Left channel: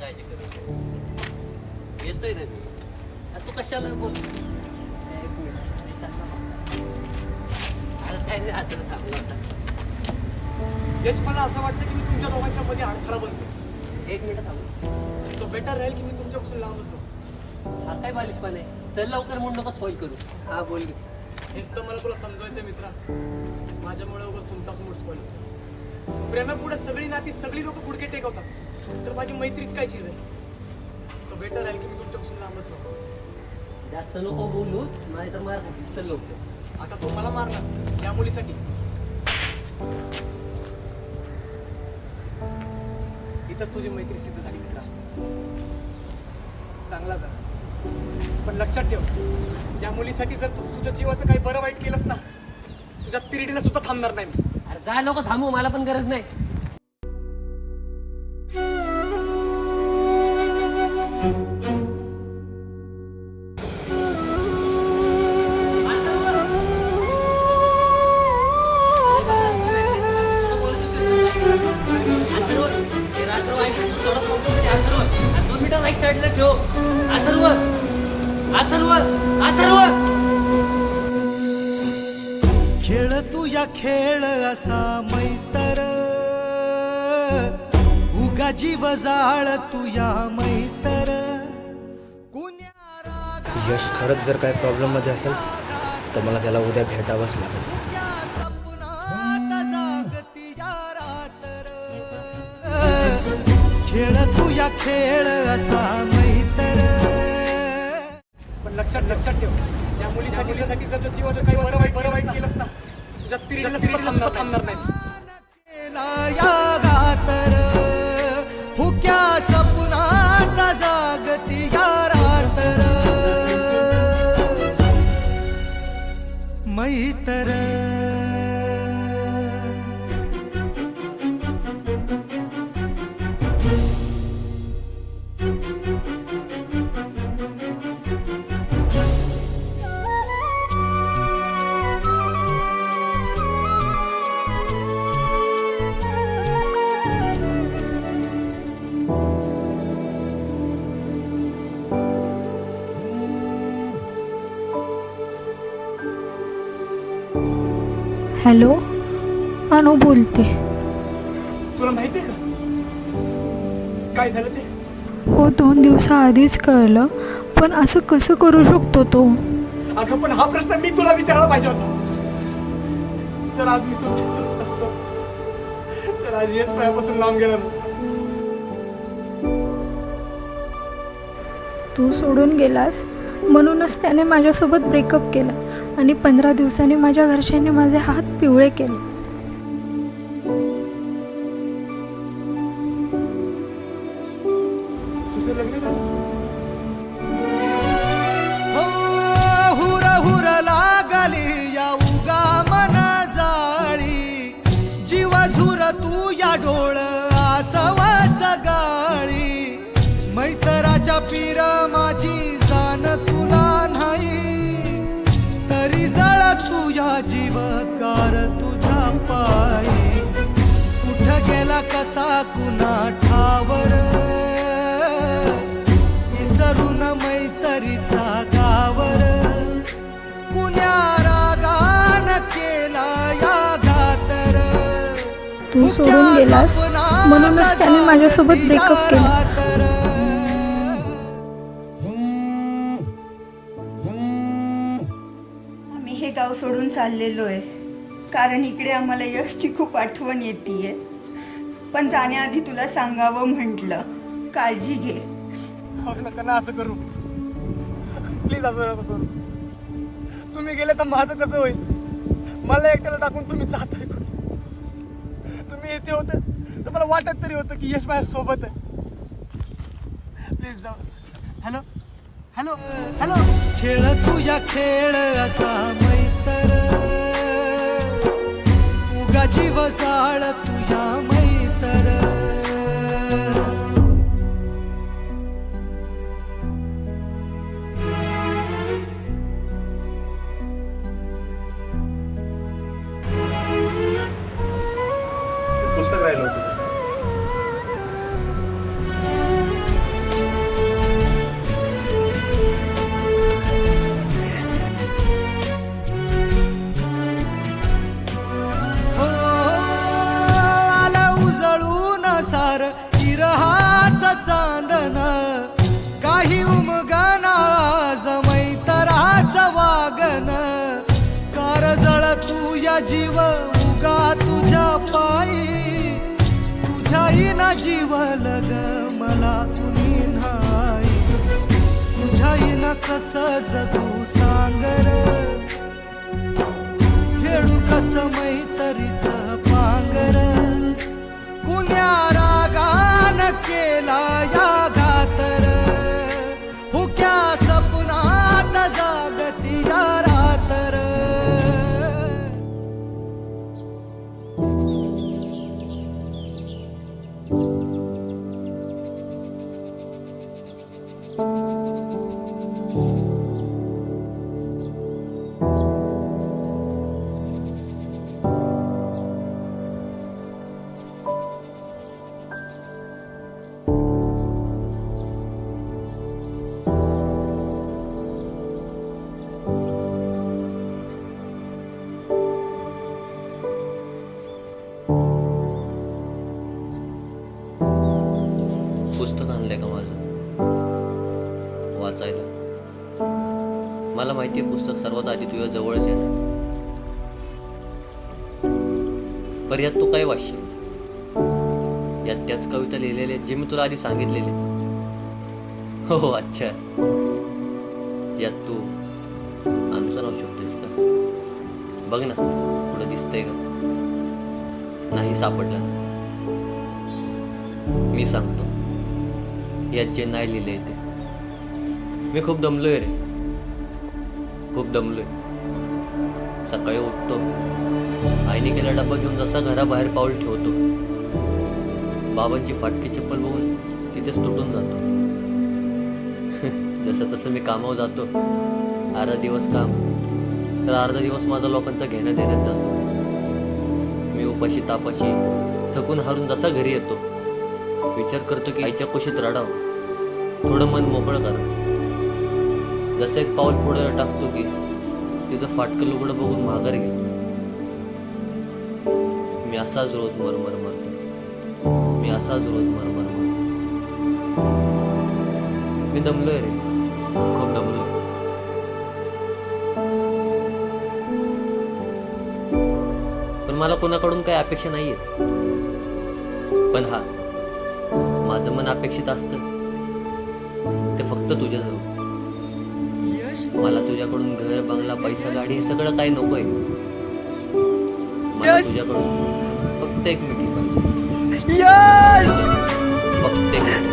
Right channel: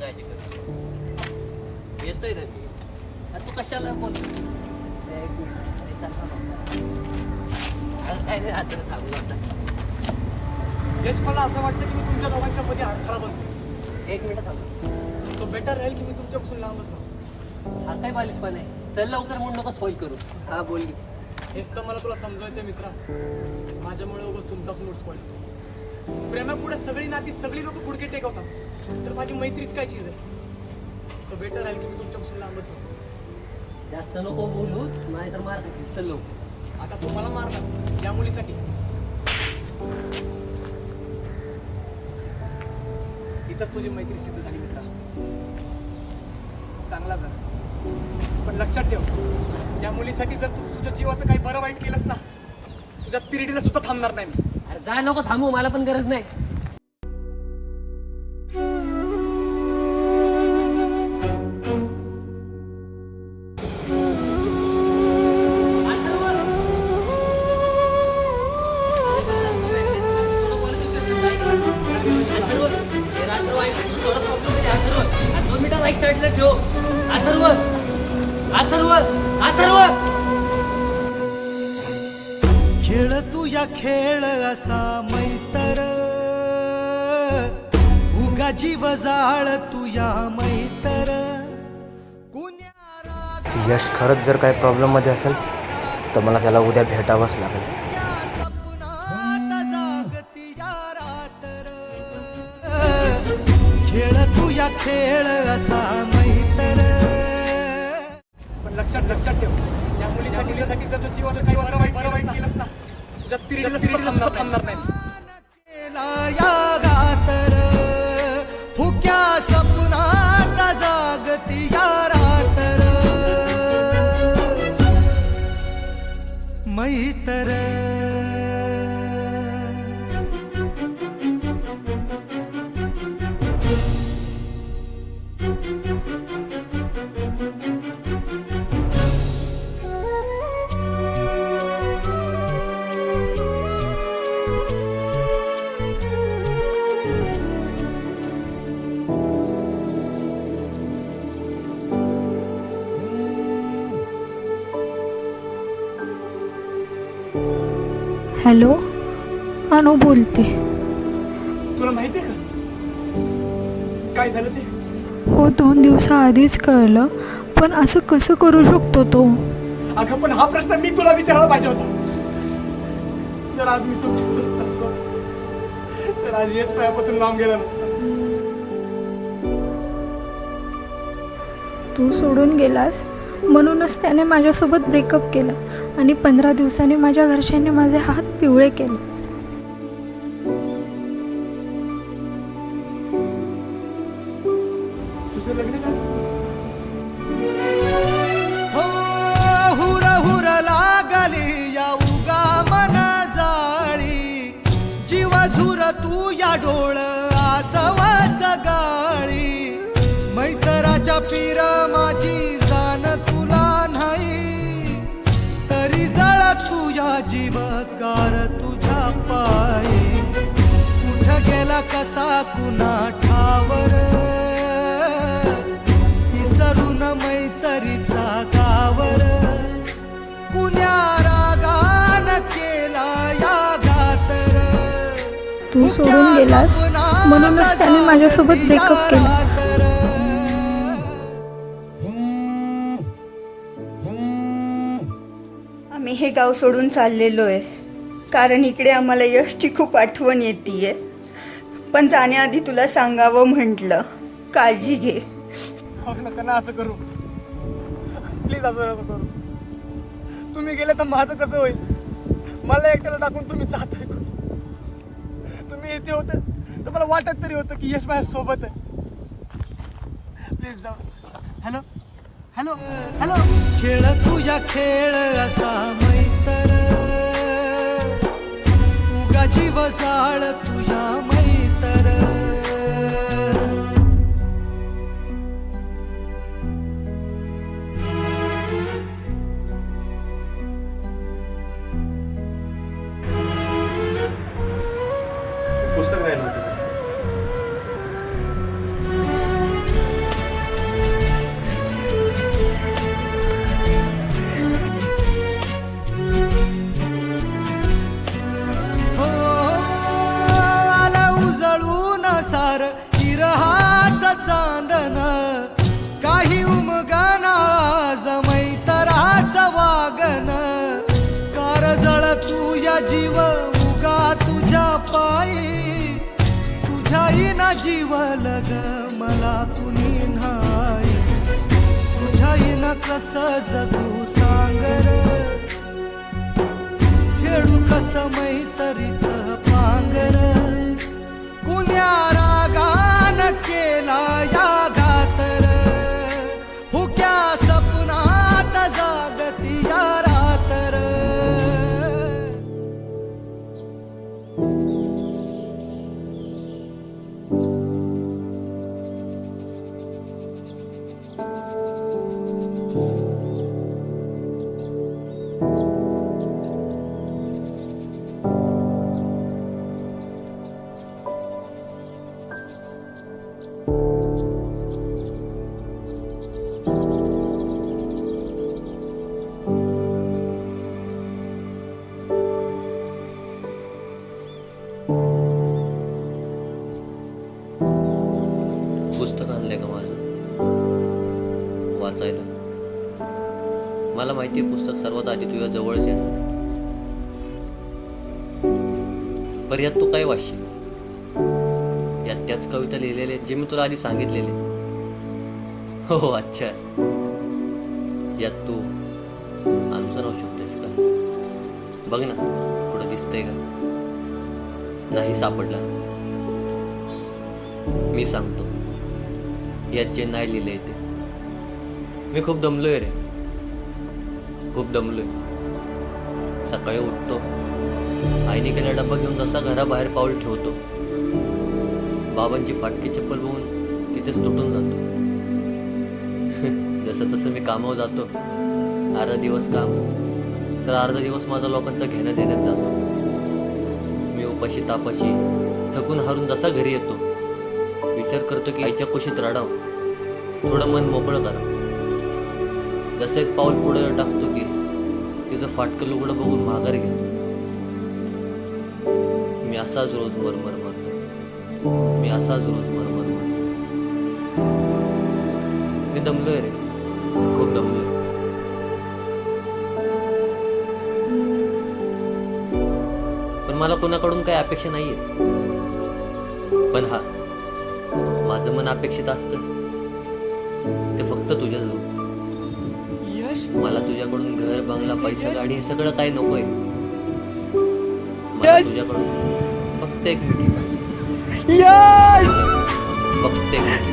काळजी करू नको. येतोय ना मी. तू कशाला बोल. एक मिनिट. अरे चालला बघ. अरे काय नाही आता थांबलो आता. यश मला असं वाटतं की मी तुमच्या दोघांच्या मध्ये अडथळा बनतो. एक मिनिट थांबलो. सो बेटर राहील की मी तुमच्यापासून लांबच राहू. हा काय बालिशपण आहे. चल लवकर म्हणून नको स्पॉइल करू. हा बोल. हेच तर मला तुला समजवायचं मित्रा. माझ्यामुळे उगाच तुमचाच मूड स्पॉइल होतो. प्रेमापुढे सगळी नाती सगळी लोक गुडके टेकवतात तर माझी मैत्रीच काय चीज आहे. सो बेटर राहील की मी तुमच्यापासून लांबच राहू. जास्त नको बोलू नाही तर मार खाशील. चल लवकर. आता तू मला मारणार या मुलीसाठी. इथंच तुझी मैत्री सिद्ध झाली मित्रा. चांगला जा पण लक्षात ठेव या मुलीसाठी जर तू तुझ्या जीवाचं काही बरं वाईट केलंस ना तुझ्या तिरडीला सुद्धा थांबणार नाही मी. अरे जा नको थांबू. मला पण गरज नाही. साईडला ठेव. अथर्व अथर्व अथर्व खेळ तू या खेळ असा मैतर उगा जीव जाळ तू या मैतर. यश खरंच जर काही प्रॉब्लेम मध्ये असेल तर मला त्याला उद्या भेटावंच लागेल. खेळ तू या खेळ असा मैतर. पण लक्षात ठेव या मुलीसाठी जर तुझ्या जीवाचं काही बरं वाईट केलंस ना तुझ्या तिरडीला सुद्धा थांबणार नाही. केला या गातर फुक्या सपनात जागती या रातर मैतर. हॅलो, अनु बोलते. तुला माहितीये का काय झालं ते? हो, 2 दिवसाआधीच कळलं. पण असं कसं करू शकतो तो? अगं पण हा प्रश्न मी तुला विचारायला पाहिजे होता. जर आज मी तुमच्यासोबत असतो तर आज येस पायापासून लांब गेला नसता. तू सोडून गेलास म्हणूनच त्याने माझ्यासोबत ब्रेकअप केला आणि 15 दिवसांनी माझ्या घरच्यांनी माझे हात पिवळे केले. तुझं लग्न झालं? हो हुर हुर लागली या उगा मना जाळी जीव झुर तू या डोळ आसवाच गाळी. मैतराच्या पीर माझी जाण तुला नाही तरी जळ तुझ्या जीवकार तुझ्या पायी. कुठ गेला कसा कुणा ठावर विसरून मैतरीचा गावर. कुण्या रागान केला या घातर. तू सोडून गेलास म्हणूनच त्याने माझ्यासोबत ब्रेकअप केला. आम्ही हे गाव सोडून चाललेलो आहे कारण इकडे आम्हाला यशची खूप आठवण येते. पण जाण्याआधी तुला सांगावं म्हटलं. काळजी घे. नका ना असं करू प्लीज. असं नको करू. तुम्ही गेले तर माझं कसं होईल? मला एकट्याला टाकून तुम्ही जाताय कुठे? तुम्ही इथे होते तर मला वाटत तरी होतं की यश माझ्या सोबत आहे. प्लीज जाऊ. Hello hello hello. खेळ तू या खेळ असा मैतर उगा जीव जाळ तुया मैतर. पुस्तक राहिलं होतं. तुझ्याईना जीवल ग मला कुणी नाही, तुझ्याईना कस जगू सांगर, खेळू कस मैत्रीच पांगर, कुण्या रागान केला या घातर, हुक्या सपनात जागती या रातर. पुस्तक आणलंय का माझं वाचायला? मला माहिती आहे पुस्तक सर्वात आधी तुझ्या जवळच येणार आहे. पर यात तू काय वाचशील? यात त्याच कविता लिहिलेल्या आहेत जे मी तुला आधी सांगितलेले. हो अच्छा, यात तू आमचं नाव शोधतेस का? बघ ना कुठं दिसतंय का? नाही सापडला ना? मी सांगतो यात जे नाही लिहिलंय ते. मी खूप दमलोय रे, खूप दमलोय. सकाळी उठतो, आईने केला डब्बा घेऊन जसा घराबाहेर पाऊल ठेवतो, बाबांची फाटकी चप्पल बघून तिथेच तुटून जातो. जसं तसं मी कामावर जातो. अर्धा दिवस काम तर अर्धा दिवस माझा लोकांचा घेणं देण्यात जातो. मी उपाशी तापाशी थकून हारून जसा घरी येतो, विचार करतो की आईच्या कुशीत रडावं, थोडं मन मोकळं करावं. जसं एक पाऊल पुढे टाकतो की तिचं फाटकं लुगडं बघून माघार घेतो. मी असाच रोज मरमर मरतो, मी असाच रोज मरमर मरतो. मी दमलोय रे, खूप दमलोय. पण मला कोणाकडून काही अपेक्षा नाहीयेत. पण हा, माझं मन अपेक्षित असतं ते फक्त तुझ्याजवळ. मला तुझ्याकडून घर, बंगला, पैसा, गाडी हे सगळं काही नकोय. मला तुझ्याकडून फक्त एक मिठी पाहिजे. फक्त एक मिठी.